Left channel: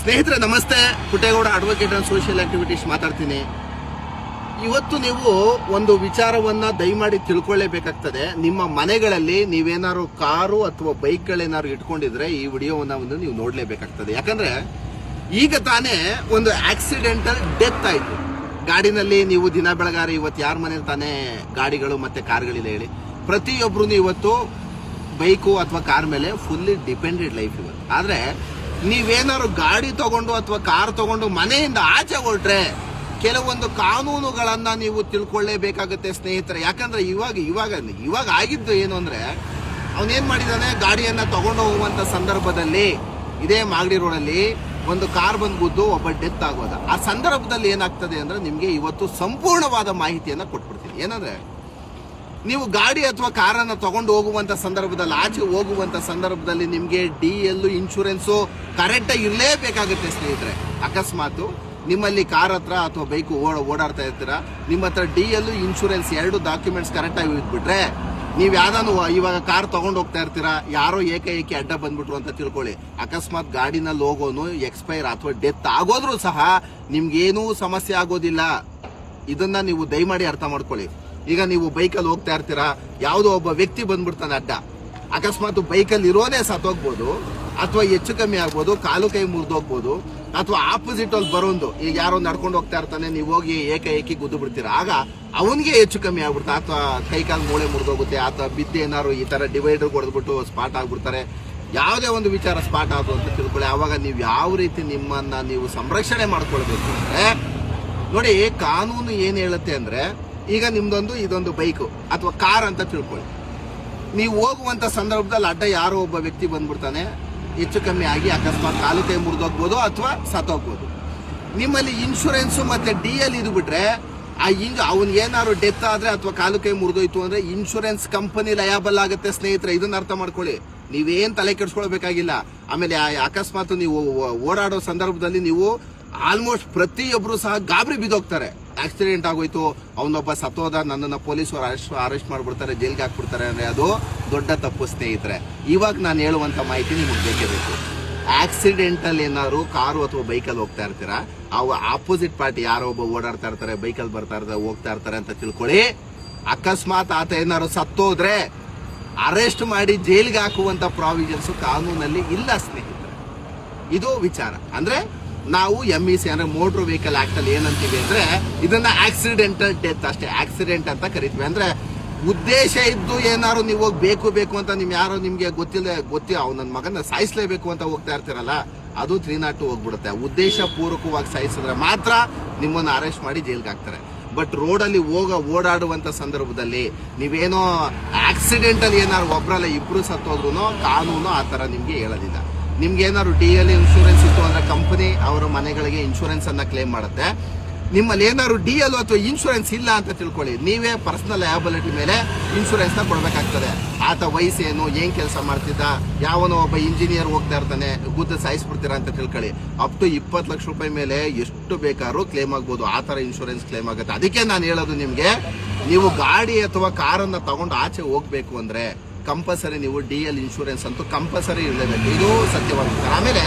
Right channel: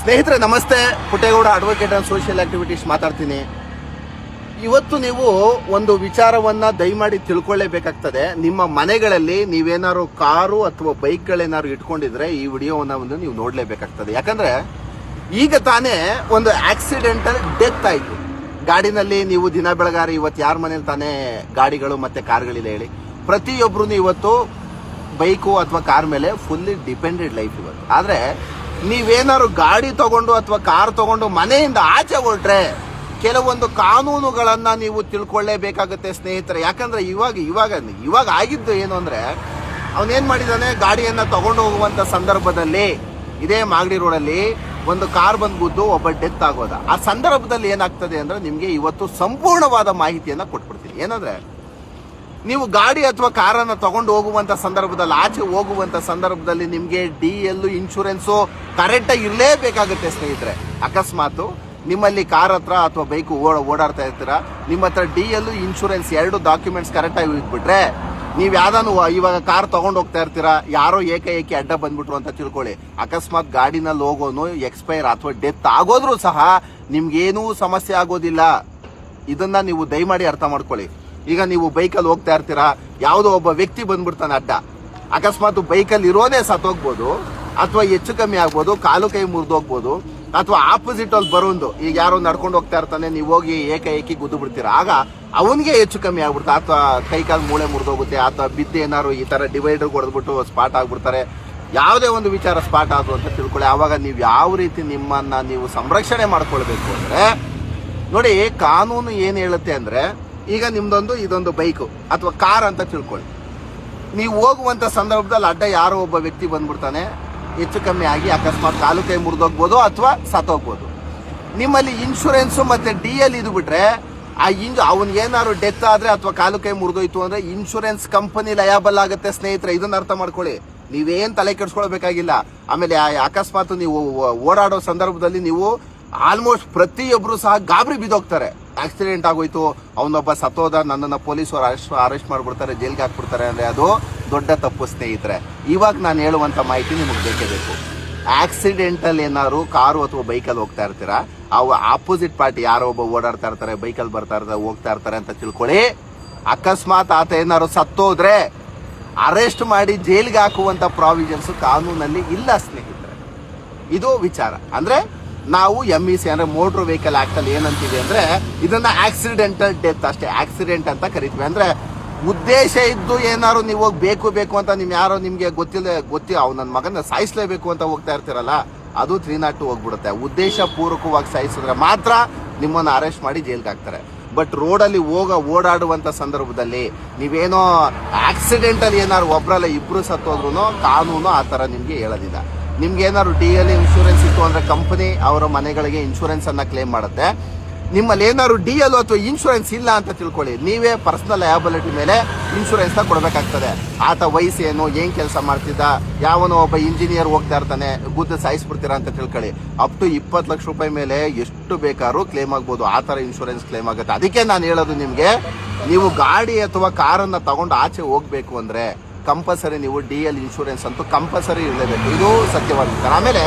ಸ್ನೇಹಿತರೆ ನಮಸ್ತೆ, Puttegowda advocate and social activities ಮಾತಾಡ್ತೀನಿ. ಇವತ್ತು ನೀವು ಒಂದು ವಿಚಾರವನ್ನ ದಯಮಾಡಿ ತಿಳ್ಕೊಳ್ಳೇಬೇಕಾಗ್ತದೆ. ನಿಮ್ಮ ಮನೆಗಳಲ್ಲಿ ನೀವೇನಾದ್ರು ಕಾರು ಅಥವಾ ಬೈಕ್ಗಳೇನಾದ್ರು ಇಟ್ಕೊಂಡಿದ್ರೆ ಈ ವಿಡಿಯೋವನ್ನ ಒಂದು ನೀವು ನೋಡ್ಲೇಬೇಕಾಗ್ತದೆ. ಯಾಕಂದ್ರೆ ಈಗ ತಾನೇ ಒಂದು ಆಕ್ಸಿಡೆಂಟಲ್ ಡೆತ್ ಆಯ್ತು ಗಾಡಿನಲ್ಲಿ. ನೀವು ದಿನ ಬೆಳಗಾರಿ ಇವತ್ತು ಯಾರ ಮನೇಲಿ ತಾನೇ ಗಾಡಿಗಳು ಮತ್ತೆ ಕಾರ್ಗಳಿಲ್ಲ ಹೇಳಿ? ಪ್ರತಿಯೊಬ್ರು ಇವತ್ತು ಬೈಕು ಅಥವಾ ಕಾರ್ ಮೇಲೆ ಫುಲ್ಲಿ ಡಿಪೆಂಡೆಡ್ ಲೈಫ್ ಇವತ್ತು. ಆದ್ರೆ ನೀವೇನಾದ್ರು ಗಾಡಿ ತಗೊಂಡು ಅಥವಾ ಕಾರ್ ತಗೊಂಡು ಮನೆಯಿಂದ ಆಚೆ ಹೊರಟ್ರೆ ಕೆಲವೊಂದು ಕಾನೂನುಗಳನ್ನ ನೀವು ತಿಳ್ಕೊಳ್ಳೇಬೇಕಾಗುತ್ತೆ ಸ್ನೇಹಿತರೆ. ಯಾಕಂದ್ರೆ ಇವಾಗ ಆಗಿದ್ದು ಏನು ಅಂದ್ರೆ, ಅವನೇನ್ ಮಾಡಿದಾನೆ, ಗಾಡಿಯನ್ನ ತಗೊಂಡು ಹೋಗುವಂತ ಸಂದರ್ಭದಲ್ಲಿ ಇದೇ ಮಾಗಡಿ ರೋಡಲ್ಲಿ ಒಂದು ಕಾರ್ ಬಂದ್ಬಿದ್ದು ಒಬ್ಬ ಡೆತ್ ಆಗೋದ. ಆ ಸಂದರ್ಭದಲ್ಲಿ ಏನಾಗ್ತದೆ ಅಂದ್ರೆ ನಿಮ್ಗೆ ಇವತ್ತು ಸಂಪೂರ್ಣವಾದ ಮಾಹಿತಿಯನ್ನ ಕೊಟ್ಬಿಡ್ತೀನಿ. ಏನಂದ್ರೆ, ನೀವು ಗಾಡಿ ಅಥವಾ ಕಾರನ್ನ ತಗೊಂಡು ಹೋಗುವಂತ ಸಂದರ್ಭದಲ್ಲಿ, ಆಚೆ ಹೋಗುವಂತ ಸಂದರ್ಭದಲ್ಲಿ ನಿಮ್ಗೆ DL ಇನ್ಶೂರೆನ್ಸ್ ಕರೆಕ್ಟ್ ಆಗಿ ಇರಲೇಬೇಕಾಗುತ್ತೆ ಸ್ನೇಹಿತರೆ. ಅಕಸ್ಮಾತ್ ನಿಮ್ಮಲ್ಲಿ ಕಾರ್ ಹತ್ರ ಅಥವಾ ಬೈಕ್ ಓಡಾಡ್ತಾ ಇರ್ತೀರಾ, ನಿಮ್ಮ ಹತ್ರ DL ಇನ್ಶೂರೆನ್ಸ್ ಎರಡು ಡಾಕ್ಯುಮೆಂಟ್ಸ್ ಕರೆಕ್ಟ್ ಆಗಿ ಇಟ್ಬಿಟ್ರೆ, ನೀವು ಯಾವ್ದಾನು ಇವಾಗ ಕಾರ್ ತಗೊಂಡು ಹೋಗ್ತಾ ಇರ್ತೀರಾ, ಯಾರೋ ಏಕಾಏಕಿ ಅಡ್ಡ ಬಂದ್ಬಿಟ್ರು ಅಂತ ತಿಳ್ಕೊಳ್ಳಿ, ಅಕಸ್ಮಾತ್ ಗಾಡಿನಲ್ಲಿ ಹೋಗೋನು ಎಕ್ಸ್ಪೈರ್ ಅಥವಾ ಡೆತ್ ಆಗೋದ್ರೂ ಸಹ ನಿಮ್ಗೇನೂ ಸಮಸ್ಯೆ ಆಗೋದಿಲ್ಲ. ಇದನ್ನ ನೀವು ದಯಮಾಡಿ ಅರ್ಥ ಮಾಡ್ಕೊಳ್ಳಿ. ಈಗ ನೀವು ಬೈಕಲ್ಲಿ ಹೋಗ್ತಾ ಇರ್ತೀರಾ, ಯಾವುದೋ ಒಬ್ಬ ವ್ಯಕ್ತಿ ಬಂದ್ಬಿಡ್ತಾನೆ ಅಡ್ಡ, ಅಕಸ್ಮಾತ್ ಬೈಕಲ್ಲಿ ಇರೋನೇ ಸತ್ತೋಗ್ಬೋದು ಅಥವಾ ಹೆಚ್ಚು ಕಮ್ಮಿ ಆಗ್ಬೋದು, ಕಾಲು ಕೈ ಮುರಿದೋಗ್ಬೋದು, ಅಥವಾ ಆಪೋಸಿಟ್ ಅಲ್ಲಿ ಬರೋದು, ಈಗ ಯಾರೋ ನಡ್ಕೊಂಡು ಹೋಗ್ತಾ ಇರ್ತಾನೆ, ನೀವು ಹೋಗಿ ಏಕಾಏಕಿ ಗುದ್ದು ಬಿಡ್ತೀರಾ, ಆಗ ಅವನಿಗೆ ಹೆಚ್ಚು ಕಮ್ಮಿ ಆಗ್ಬಿಡುತ್ತೆ, ಅಥವಾ ಕೈ ಕಾಲು ಮೂಳೆ ಮುರಿದೋಗುತ್ತೆ, ಅಥವಾ ಬಿದ್ದು ಏನಾರು ಈ ತರ ಡಿವೈಡರ್ ಹೊಡೆದ್ಬಿಟ್ಟು ಸ್ಪಾಟ್ ಆಗ್ಬಿಡ್ತಾರೆ. ಯಾವುದೇ ಒಂದು ವಿಚಾರ ಸ್ಪಾಟ್ ಆದ್ರು ಅಂತ ತಿಳ್ಕೊಳ್ಳಿ. ಆವಾಗ ನೀವು ಯಾವ ರೀತಿ ನಿಮ್ಮನ್ನ ನೀವು ಸಂರಕ್ಷಣೆ ಮಾಡ್ಕೊಳ್ಬೇಕು ಅಂದ್ರೆ, ನೋಡಿ ಕಾನೂನು ಏನ್ ಹೇಳುತ್ತೆ ಅಂದ್ರೆ, ಈಗ ಇದೊಂದು ಬೈಕು ಅಥವಾ ಕಾರ್ ಅಂತ ತಿಳ್ಕೊಳ್ಳಿ. ನೀವು ಹೋಗುವಂತ ಸಂದರ್ಭದಲ್ಲಿ ಅಡ್ಡ ಯಾರೋ ಒಬ್ಬ ವ್ಯಕ್ತಿ ಬಂದ್ಬಿಡ್ತಾನೆ, ಹೆಚ್ಚು ಕಮ್ಮಿ ಆಗಿ ಅಕಸ್ಮಾತ್ ಕಾಲು ಕೈ ಮುರಿದೋಗ್ಬೋದು ಅಥವಾ ಸತ್ತೋಗ್ಬೋದು. ನಿಮ್ಮಲ್ಲಿ ಇನ್ಶೂರೆನ್ಸ್ ಮತ್ತೆ DL ಇದು ಬಿಟ್ರೆ, ಅವನ್ ಏನಾದ್ರು ಡೆತ್ ಆದ್ರೆ ಅಥವಾ ಕಾಲು ಕೈ ಮುರಿದೋಯ್ತು ಅಂದ್ರೆ ಇನ್ಶೂರೆನ್ಸ್ ಕಂಪನಿ ಲಯಬಲ್ ಆಗುತ್ತೆ ಸ್ನೇಹಿತರೆ. ಇದನ್ನ ಅರ್ಥ ಮಾಡ್ಕೊಳ್ಳಿ, ನೀವೇನ್ ತಲೆ ಕೆಡ್ಸ್ಕೊಳ್ಬೇಕಾಗಿಲ್ಲ. ಆಮೇಲೆ ಅಕಸ್ಮಾತ್ ನೀವು ಓಡಾಡೋ ಸಂದರ್ಭದಲ್ಲಿ ನೀವು ಆಲ್ಮೋಸ್ಟ್ ಪ್ರತಿಯೊಬ್ರು ಸಹ ಗಾಬರಿ ಬಿದ್ದೋಗ್ತಾರೆ. ಆಕ್ಸಿಡೆಂಟ್ ಆಗೋಯ್ತು, ಅವನೊಬ್ಬ ಸತ್ತೋದ, ನನ್ನನ್ನು ಪೊಲೀಸರು ಅರೆಸ್ಟ್ ಮಾಡ್ಬಿಡ್ತಾರೆ, ಜೈಲ್ಗೆ ಹಾಕ್ಬಿಡ್ತಾರೆ ಅಂದ್ರೆ ಅದು ದೊಡ್ಡ ತಪ್ಪು ಸ್ನೇಹಿತರೆ. ಇವಾಗ ನಾನು ಹೇಳುವಂತ ಮಾಹಿತಿ ನಿಮಗೆ ಬೇಕೇ ಬೇಕು. ಆಕ್ಸಿಡೆಂಟಲ್ ಏನಾದ್ರು ಕಾರು ಅಥವಾ ಬೈಕಲ್ಲಿ ಹೋಗ್ತಾ ಇರ್ತೀರಾ, ಅವು ಆಪೋಸಿಟ್ ಪಾರ್ಟಿ ಯಾರೋ ಒಬ್ಬ ಓಡಾಡ್ತಾ ಇರ್ತಾರೆ, ಬೈಕಲ್ಲಿ ಬರ್ತಾ ಇರ್ತಾರೆ, ಹೋಗ್ತಾ ಇರ್ತಾರೆ ಅಂತ ತಿಳ್ಕೊಳ್ಳಿ. ಅಕಸ್ಮಾತ್ ಆತ ಏನಾದ್ರು ಸತ್ತೋದ್ರೆ ಅರೆಸ್ಟ್ ಮಾಡಿ ಜೈಲ್ಗೆ ಹಾಕುವಂತ ಪ್ರಾವಿಷನ್ಸ್ ಕಾನೂನಲ್ಲಿ ಇಲ್ಲ ಸ್ನೇಹಿತರೆ. ಇದು ವಿಚಾರ. ಅಂದ್ರೆ ನಾವು MEC ಅಂದ್ರೆ ಮೋಟರ್ ವೆಹಿಕಲ್ ಆಕ್ಟ್ ಅಲ್ಲಿ ಏನಂತೀವಿ ಅಂದ್ರೆ, ಇದನ್ನ ಆಕ್ಸಿಡೆಂಟಲ್ ಡೆತ್ ಅಷ್ಟೇ, ಆಕ್ಸಿಡೆಂಟ್ ಅಂತ ಕರಿತೀವಿ. ಅಂದ್ರೆ ಉದ್ದೇಶ ಇದ್ದು ಏನಾದ್ರು ನೀವು ಬೇಕು ಅಂತ ನಿಮ್ಗೆ ಗೊತ್ತಿಲ್ಲ ಅವ್ನು ನನ್ನ ಮಗನ ಸಾಯಿಸ್ಲೇಬೇಕು ಅಂತ ಹೋಗ್ತಾ ಇರ್ತೀರಲ್ಲ, ಅದು 302 ಹೋಗ್ಬಿಡುತ್ತೆ. ಉದ್ದೇಶ ಪೂರ್ವಕವಾಗಿ ಸಾಯಿಸಿದ್ರೆ ಮಾತ್ರ ನಿಮ್ಮನ್ನ ಅರೆಸ್ಟ್ ಮಾಡಿ ಜೈಲ್ಗೆ ಹಾಕ್ತಾರೆ. ಬಟ್ ರೋಡಲ್ಲಿ ಓಡಾಡುವಂತ ಸಂದರ್ಭದಲ್ಲಿ ನೀವೇನೋ ಆಕ್ಸಿಡೆಂಟಲ್ ಏನಾದ್ರು ಒಬ್ರಲ್ಲ ಇಬ್ರು ಸತ್ತೋದ್ರು ಕಾನೂನು ಆ ತರ ನಿಮ್ಗೆ ಹೇಳೋದಿಲ್ಲ. ನಿಮ್ಗೆ ಏನಾದ್ರು DL ಇನ್ಶೂರೆನ್ಸ್ ಇತ್ತು ಅಂದ್ರೆ ಕಂಪನಿ ಅವರ ಮನೆಗಳಿಗೆ ಇನ್ಶೂರೆನ್ಸ್ ಅನ್ನ ಕ್ಲೇಮ್ ಮಾಡುತ್ತೆ. ನಿಮ್ಮಲ್ಲಿ ಏನಾದ್ರು DL ಅಥವಾ ಇನ್ಶೂರೆನ್ಸ್ ಇಲ್ಲ ಅಂತ ತಿಳ್ಕೊಳ್ಳಿ, ನೀವೇ ಪರ್ಸನಲ್ ಲಯಬಿಲಿಟಿ ಮೇಲೆ ಇನ್ಶೂರೆನ್ಸ್ ನ ಕೊಡಬೇಕಾಗ್ತದೆ. ಆತ ವಯಸ್ಸೇನು, ಏನ್ ಕೆಲಸ ಮಾಡ್ತಿದ್ದ, ಯಾವನೋ ಒಬ್ಬ ಇಂಜಿನಿಯರ್ ಹೋಗ್ತಾ ಇರ್ತಾನೆ, ಗುದ್ದು ಸಾಯಿಸ್ಬಿಡ್ತೀರಾ ಅಂತ ತಿಳ್ಕೊಳ್ಳಿ, ಅಪ್ ಟು 20 ಲಕ್ಷ ರೂಪಾಯಿ ಮೇಲೆ ಎಷ್ಟು ಬೇಕಾದ್ರೂ ಕ್ಲೇಮ್ ಆಗ್ಬೋದು. ಆ ತರ ಇನ್ಶೂರೆನ್ಸ್ ಕ್ಲೇಮ್ ಆಗುತ್ತೆ. ಅದಕ್ಕೆ ನಾನು ಹೇಳೋದು ನಿಮ್ಗೆ, ನೀವು ಗಾಡಿ ಅಥವಾ ಕಾರನ್ನ ತಗೊಂಡು ಆಚೆ ಹೋಗ್ಬೇಕು ಅಂದ್ರೆ ಕಂಪಲ್ಸರಿ ನೀವು DL ಇನ್ಶೂರೆನ್ಸ್ ಅಂತೂ ಕಂಪಲ್ಸರಿ ಇರಲೇಬೇಕು. ಇದು ಸತ್ಯವಾದ ವಿಚಾರ. ಆಮೇಲೆ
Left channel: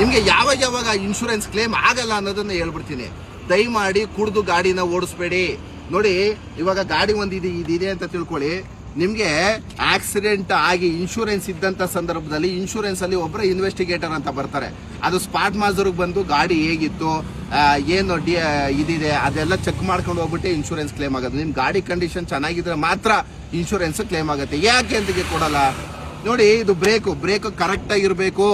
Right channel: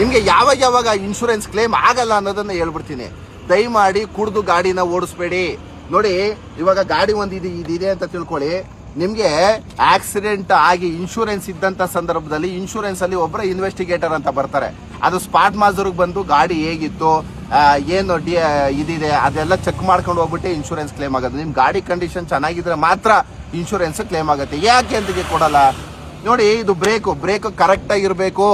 ನಿಮ್ಗೆ ಯಾವಾಗ ಇನ್ಶೂರೆನ್ಸ್ ಕ್ಲೇಮ್ ಆಗಲ್ಲ ಅನ್ನೋದನ್ನ ಹೇಳ್ಬಿಡ್ತೀನಿ. ದಯಮಾಡಿ ಕುಡಿದು ಗಾಡಿನ ಓಡಿಸ್ಬೇಡಿ. ನೋಡಿ, ಇವಾಗ ಗಾಡಿ ಒಂದು ಇದಿದೆ ಅಂತ ತಿಳ್ಕೊಳ್ಳಿ, ನಿಮ್ಗೆ ಆಕ್ಸಿಡೆಂಟ್ ಆಗಿ ಇನ್ಶೂರೆನ್ಸ್ ಇದ್ದಂತ ಸಂದರ್ಭದಲ್ಲಿ ಇನ್ಶೂರೆನ್ಸ್ ಅಲ್ಲಿ ಒಬ್ಬರ ಇನ್ವೆಸ್ಟಿಗೇಟರ್ ಅಂತ ಬರ್ತಾರೆ. ಅದು ಸ್ಪಾಟ್ ಮಾಜೂರ್ಗೆ ಬಂದು ಗಾಡಿ ಹೇಗಿತ್ತು, ಏನು ಇದಿದೆ ಅದೆಲ್ಲ ಚೆಕ್ ಮಾಡ್ಕೊಂಡು ಹೋಗ್ಬಿಟ್ಟು ಇನ್ಶೂರೆನ್ಸ್ ಕ್ಲೇಮ್ ಆಗೋದು. ನಿಮ್ ಗಾಡಿ ಕಂಡೀಷನ್ ಚೆನ್ನಾಗಿದ್ರೆ ಮಾತ್ರ ಇನ್ಶೂರೆನ್ಸ್ ಕ್ಲೇಮ್ ಆಗುತ್ತೆ. ಯಾಕೆ ಅಂತ ಕೊಡಲ್ಲ ನೋಡಿ, ಇದು ಬ್ರೇಕ್ ಕರೆಕ್ಟ್ ಆಗಿರ್ಬೇಕು.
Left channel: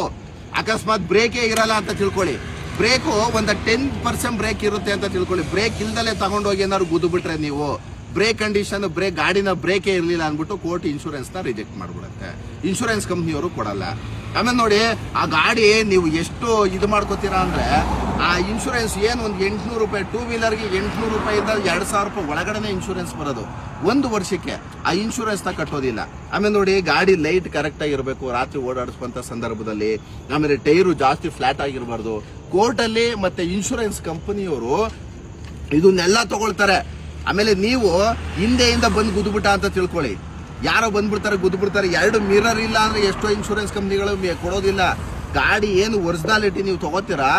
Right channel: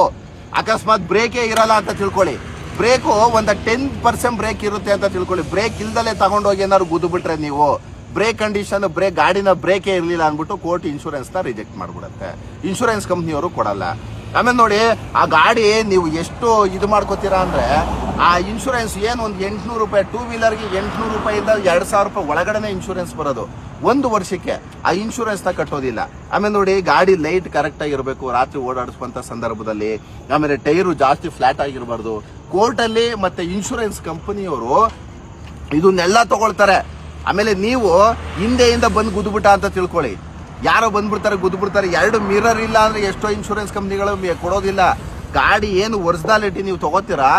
ಅಕಸ್ಮಾತ್ ಬ್ರೇಕೇ ಇರಲ್ಲ ಅಂತ ತಿಳ್ಕೊಳ್ಳಿ, ಬ್ರೇಕು ಒಂದು 10% ಬ್ರೇಕ್ ಇರುತ್ತೆ ಅಂತ ತಿಳ್ಕೊಳ್ಳಿ, ಬ್ರೇಕ್ ಇಲ್ದಲೆ ತಗೊಂಡೋಗಿ ಏನಾದ್ರು ಗುದ್ದು ಬಿಟ್ರೆ ನೀವು ಬ್ರೇಕ್ ಕಂಡೀಷನ್ ಗಾಡಿನ ಬ್ರೇಕೇ ಇರಲಿಲ್ಲ ಅಂದ್ಬಿಟ್ಟು ಕೋರ್ಟ್ ಇನ್ಶೂರೆನ್ಸ್ ನ ರಿಜೆಕ್ಟ್ ಮಾಡ್ಬಿಡುತ್ತೆ. ಇನ್ಶೂರೆನ್ಸ್ ಕಂಪ್ನಿಯವರು ಕೊಡಲ್ಲ. ಆಮೇಲೆ ನೋಡಿ, ಆ ಗಾಡಿ ನೀವು ಎಷ್ಟು ಇದು ಮಾಡ್ಕೋತೀರಾ ಅಂದ್ರೆ, ಆ ಇನ್ಶೂರೆನ್ಸ್ ಏನು ಒಂದು 800 ರೂಪಾಯಿ, 2 ವೀಲರ್ಗೆ 800 ರೂಪಾಯಿಂದ 2000 ರೂಪಾಯಿ ಒಳಗಡೆ ಇನ್ಶೂರೆನ್ಸ್ ಬರೋದು 1 ವರ್ಷಕ್ಕೆ. ಆ ಇನ್ಶೂರೆನ್ಸ್ ನ ಕಟ್ಟೋದಿಲ್ಲ. ಆಮೇಲೆ ನೋಡಿ, ಗಾಡಿ ಲೈಟ್ ಕರೆಕ್ಟ್ ಆಗಿರ್ಬೇಕು ರಾತ್ರಿ ಓಡಾಡಿಸುವಂತ ಸಂದರ್ಭದಲ್ಲಿ. ಆಮೇಲೆ ಟೈರು ಜಾಸ್ತಿ ಫ್ಲಾಟ್ ಆಗಿರಬಾರ್ದು. ಕೋರ್ಟ್ ಅಲ್ಲಿ ಮತ್ತೆ ಇನ್ಶೂರೆನ್ಸ್ ಕಂಪನಿಯವರು ಇದನ್ನೆಲ್ಲ ತಗೊಳ್ತಾರೆ. ಆಮೇಲೆ ನೀವು ಹಿಂದೆಯಿಂದ ಬಂದು ಗುದ್ಬಿಟ್ಟ ಅಂತ ತಿಳ್ಕೊಳ್ಳಿ, ಯಾರೋ ಬಂದ್ಬಿಡ್ತಾರೆ ಗುದ್ಬಿಡ್ತಾರೆ. 2 ಮಿರರ್ ಇಲ್ಲ ಅಂದ್ರೆ ಎಷ್ಟೋ ಇನ್ಶೂರೆನ್ಸ್ ಕಂಪ್ನಿಗಳು ಕೊಡೋದಿಲ್ಲ. ಗಾಡಿ ಏನು ಒರಿಜಿನಾಲಿಟಿ ನೀವು ತಗೋತೀರಾ,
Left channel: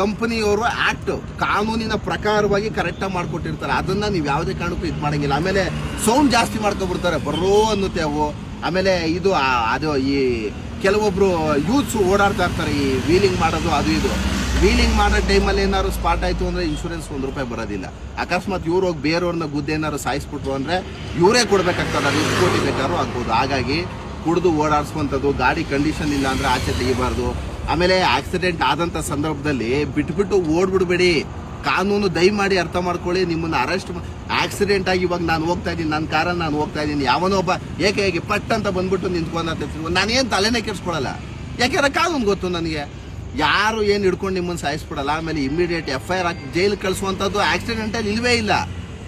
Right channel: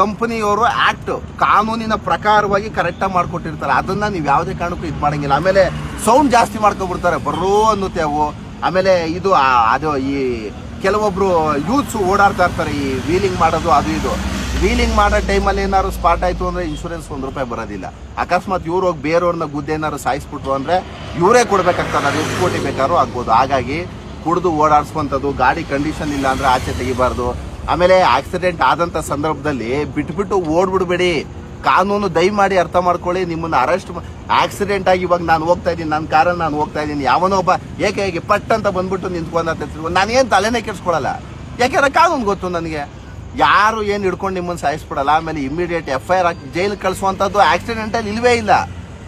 ಕಂಪನಿಯವರು ಆಕ್ಟ್ ಕಾನೂನಿನ ಪ್ರಕಾರವಾಗಿ ಕರೆಕ್ಟಾಗಿ ಮಾಡ್ಕೊಟ್ಟಿರ್ತಾರೆ. ಅದನ್ನ ನೀವು ಯಾವುದೇ ಕಾರಣಕ್ಕೂ ಇದು ಮಾಡಂಗಿಲ್ಲ. ಆಮೇಲೆ ಸೌಂಡ್ ಜಾಸ್ತಿ ಮಾಡ್ಕೊಬಿಡ್ತಾರೆ, ಬರ್ರೋ ಅನ್ನುತ್ತೆ ಅವು. ಆಮೇಲೆ ಇದು ಅದು ಈ ಕೆಲವೊಬ್ರು ಯೂತ್ಸ್ ಓಡಾಡ್ತಾ ಇರ್ತಾರೆ ಈ ವೀಲಿಂಗ್ ಮಾಡೋದು ಅದು ಇದು. ವೀಲಿಂಗ್ ಮಾಡೋ ಟೈಮಲ್ಲಿ ಏನಾದ್ರು ಸ್ಪಾಟ್ ಆಯ್ತು ಅಂದ್ರೆ ಇನ್ಶೂರೆನ್ಸ್ ₹1 ಬರೋದಿಲ್ಲ. ಅಕಸ್ಮಾತ್ ಇವ್ರು ಹೋಗಿ ಬೇರೆಯವ್ರನ್ನ ಗುದ್ದೇನಾದ್ರು ಸಾಯಿಸ್ಬಿಟ್ರು ಅಂದ್ರೆ ಇವರೇ ಕೊಡ್ಬೇಕಾಗ್ತದೆ, ಅದು ಎಷ್ಟು ಕೋಟಿ ಬೇಕಾದ್ರೂ ಆಗ್ಬೋದು. ಹಾಗಾಗಿ ಕುಡಿದು ಓಡಾಡ್ಸ್ಕೊಂಥದ್ದು, ಗಾಡಿ ಕಂಡೀಷನ್ ಇಲ್ಲ ಅಂದ್ರೆ ಆಚೆ ತೆಗಿಬಾರ್ದು. ಆಮೇಲೆ ಆಕ್ಸಿಡೆಂಟ್ ಆದಂತ ಸಂದರ್ಭದಲ್ಲಿ ಬಿಟ್ಬಿಟ್ಟು ಓಡ್ಬಿಡ್ಬೇಡಿ. ಕಾನೂನು ದಯಮಾಡಿ ಅರ್ಥ ಮಾಡ್ಕೊಳ್ಳಿ. ನಿಮ್ಮನ್ನ ಅರೆಸ್ಟ್ ಆಕ್ಸಿಡೆಂಟ್ ಆಗಿ ಇವಾಗ ನಾನು ಹೋಗ್ತಾ ಇದ್ದೀನಿ, ನನ್ನ ಕಾರಲ್ಲಿ ನಾನು ಹೋಗ್ತಾ ಇದ್ದೀನಿ, ಯಾವನೋ ಒಬ್ಬ ಏಕೆ ಪಟ್ ಅಂತ ಬಂದ್ಬಿಟ್ಟು ನಿಂತ್ಕೊಂಡ ನಾನೇನು ತಲೆನೇ ಕೆಡ್ಸ್ಕೊಳಲ್ಲ. ಯಾಕೆಂದ್ರೆ ಕಾನೂನು ಗೊತ್ತು ನನಗೆ, ಯಾರು ಏನು ಹಿಡ್ಕೊಂಡು ನಿಮ್ಮನ್ನು ಸಾಯಿಸ್ಬಿಡಲ್ಲ. ಆಮೇಲೆ ಇಮಿಡಿಯೇಟ್ FIR ಹಾಕಿ ಜೈಲಿಗೆ ಕಳಿಸುವಂಥದ್ದು ಆಕ್ಸಿಡೆಂಟಲ್ಲಿ ಇಲ್ವೇ ಇಲ್ಲ,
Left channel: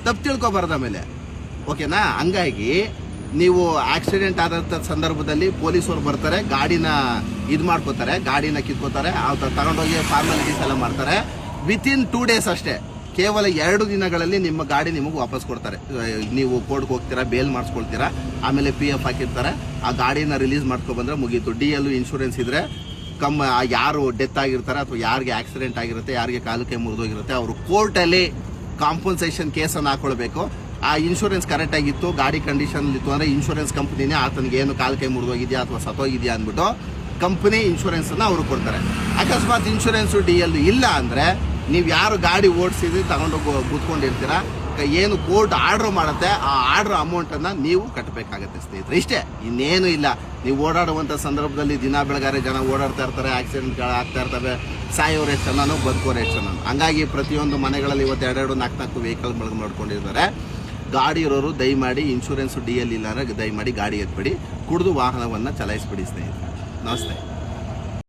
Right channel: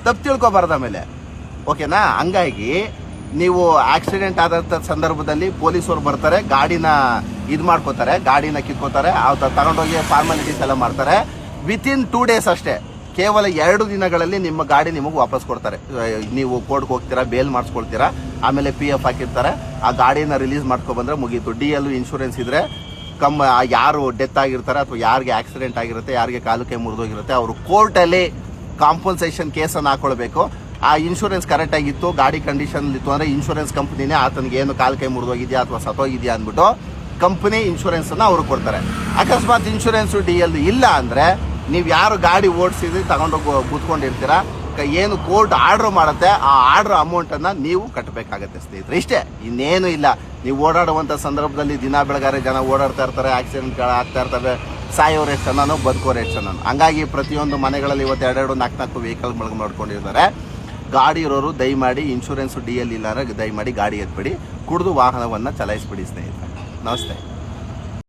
ತಪ್ಪು ತಿಳ್ಕೊಬಾರ್ದು ಆಮೇಲೆ, ಓಕೆನಾ. ಹಂಗಾಗಿ ನೀವು ಆಕ್ಸಿಡೆಂಟ್ ಆದಂಥ ಸಂದರ್ಭದಲ್ಲಿ ಪೊಲೀಸರು ಬರ್ತಾರೆ, ಗಾಡಿನ ಇದು ಮಾಡ್ಕೋತಾರೆ, ಗಾಡಿನ ಕಿತ್ಕೋತಾರೆ, ತಗೊಂಡೋಗಿ ಫಾರ್ಮಾಲಿಟೀಸ್ ಎಲ್ಲ ಮಾಡ್ತಾರೆ. ವಿತಿನ್ 2 days ಅಷ್ಟೇ, ಕೇವಲ 2 ದಿನಗಳಲ್ಲಿ ನಿಮ್ಮ ಗಾಡಿ ನಿಮಗೆ ವಾಪಸ್ ಕೊಡ್ತಾರೆ. ನೀವು ಕೋರ್ಟ್ಗೆ ಹೋಗ್ತೀರಾ, ಬೇಲ್ ಮಾಡಿಸ್ಕೊಳ್ತೀರಾ, ಆಮೇಲೆ PF ಹಾಕಿರ್ತಾರೆ, ಆ ಗಾಡಿನ ರಿಲೀಸ್ ಮಾಡ್ಕೊಬಂದ್ರೆ ಮುಗೀತು. DL ಇನ್ಶೂರೆನ್ಸ್ ಇದ್ರೆ ಯಾರು ಡೆತ್ ಆಗಿರ್ತಾರೆ ಅಥವಾ ಯಾರಿಗೆ ಆಕ್ಸಿಡೆಂಟ್ ಆಗಿರುತ್ತೆ, ಯಾರಿಗೆ ಕಾಲು ಕೈ ಮುರಿದೋಗಿರುತ್ತೆ, ಅವರು ಕೋರ್ಟಲ್ಲಿ ಕಾಂಪನ್ಸೇಷನ್ ಕೇಸನ್ನು ಹಾಕೊಳ್ಬೇಕು. ಆ ಇನ್ಶೂರೆನ್ಸ್ ಕರೆಕ್ಟ್ ಆಗಿತ್ತು, ಗಾಡಿ ಕಂಡೀಷನ್ ಇತ್ತು ಅಂದ್ರೆ ಇನ್ಶೂರೆನ್ಸ್ ಕಂಪನಿನೇ ಆತನಿಗೆ ಏನು ಕಾಲು ಕೈ ಮುರಿದೋಗಿದೆಯಾ ಅಥವಾ ಸತ್ತೋಗಿದೆಯಾ ಅಂದ್ಬಿಟ್ಟು ಕಂಪನಿ ಇನ್ಶೂರೆನ್ಸ್ ಅನ್ನ ಅವರು ಕೊಡ್ತಾರೆ. ಅಕಸ್ಮಾತ್ ಇನ್ಶೂರೆನ್ಸ್ DL ಇಲ್ಲ ಅಂದ್ರೆ ನೀವು ಯಾರು ಗಾಡಿ ಓಡಿಸಿದ್ರಿ ತಗೊಂಡೋಗಿ ಕೂತ್ಕೊಂಡಿರ್ತೀರಾ, ಏನು ಕೋರ್ಟ್ ಆರ್ಡರ್ ಮಾಡುತ್ತೆ ಆ ಆರ್ಡರ್ ಅಮೌಂಟ್ ಅನ್ನ ನೀವು ಕಟ್ಟಬೇಕಾಗತ್ತೆ ಸ್ನೇಹಿತರೆ. ಇಷ್ಟೇ, ಇನ್ನೇನು ಇಲ್ಲ. ನೀವು ಓಡಾಡುವಂತ ಸಂದರ್ಭದಲ್ಲಿ ದಿನ ಬೆಳಗಾರೆ ಜನ ಓಡಾಡ್ತಾ ಇರ್ತಾರೆ, ಆಕ್ಸಿಡೆಂಟ್ಗಳು ಆಗ್ತಾ ಇರ್ತವೆ, ಸಾಯೋರು ಎಷ್ಟು ಜನನೋ ಬದುಕೋರು ಎಷ್ಟು ಜನ. ಹಂಗಾಗಿ ಪ್ರತಿಯೊಂದು ಮನೆಗಳಲ್ಲಿ ಇವತ್ತು 2-2, 4-4 ವೆಹಿಕಲ್ ಮಾಡ್ಕೊಂಡಿದ್ದಾರೆ. ಗಾಡಿ ಇರೋರು ದಯಮಾಡಿ ಇನ್ಶೂರೆನ್ಸ್ DL ಇಲ್ಲ ಅಂದ್ರೆ ದಯಮಾಡಿ ಗಾಡಿ ಎತ್ಬಿಡಿ, ಕುಡಿದು ವಾಹನವನ್ನ ಚಲಾಯಿಸ್ಬಿಡಿ ಸ್ನೇಹಿತರೆ. ನಮಸ್ತೆ.